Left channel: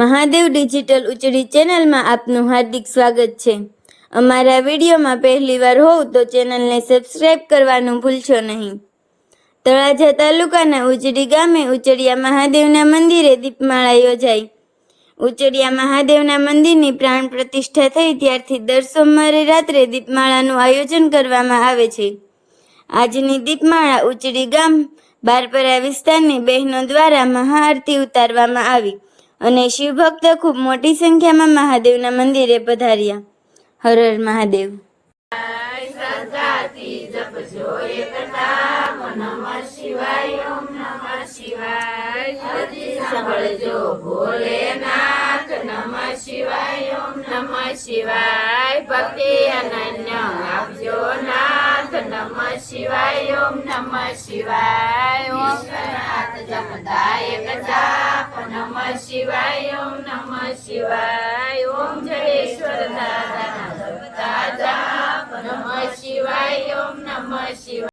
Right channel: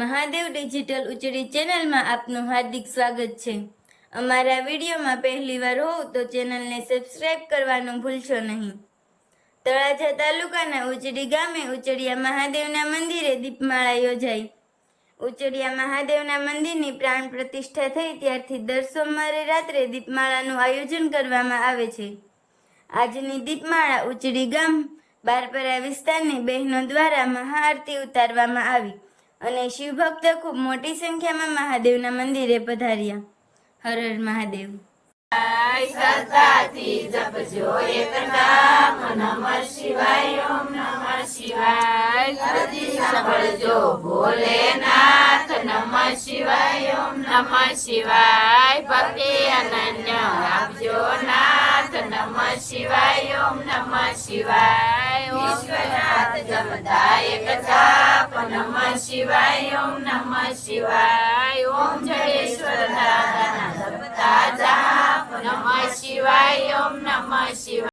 મહાદેવ ડિજિટલ ઉચડી ચેનલમાં આપનું હાર્દિક સ્વાગત છે। અમારા વિડીયોમાં પહેલીવાર હોવ તો ચેનલને સબસ્ક્રાઇબ કરવાનું ભૂલશો નહીં। તળાજા તાલુકાના ઉચડી ગામે ઉચડિયા મહાદેવના મંદિરે દીપમાળા યોજાઈ। ઉચડિયા મહાદેવના મંદિરની પ્રાણ પ્રતિષ્ઠા થઈ ત્યારથી દર સોમવારે રાત્રે દીપમાળાનું આયોજન કરવામાં આવે છે। આજની દીપમાળા ઉચડી ગામ બારપરા વિસ્તારની બહેનો દ્વારા મહાઆરતી ઉતારવામાં આવી અને શિવભક્તો ખૂબ મોટી સંખ્યામાં મહાદેવના મંદિરે પધાર્યા। હર હર મહાદેવ। શ્રદ્ધાથી જપજો એક નામ નમઃ શિવાય ઓમ નમઃ શિવાય હૃદય સાંભળજો ભોલેનાથ નમઃ શિવાય ઓમ નમઃ શિવાય ભક્તિ અનન્ય આપજો નાથ નમઃ શિવાય ઓમ નમઃ શિવાય ઓમ જપતા એક જાપ નમઃ શિવાય ઓમ નમઃ શિવાય ઓમ જડેશ્વર દાદાના જપતા જાપ નમઃ શિવાય ઓમ નમઃ શિવાય।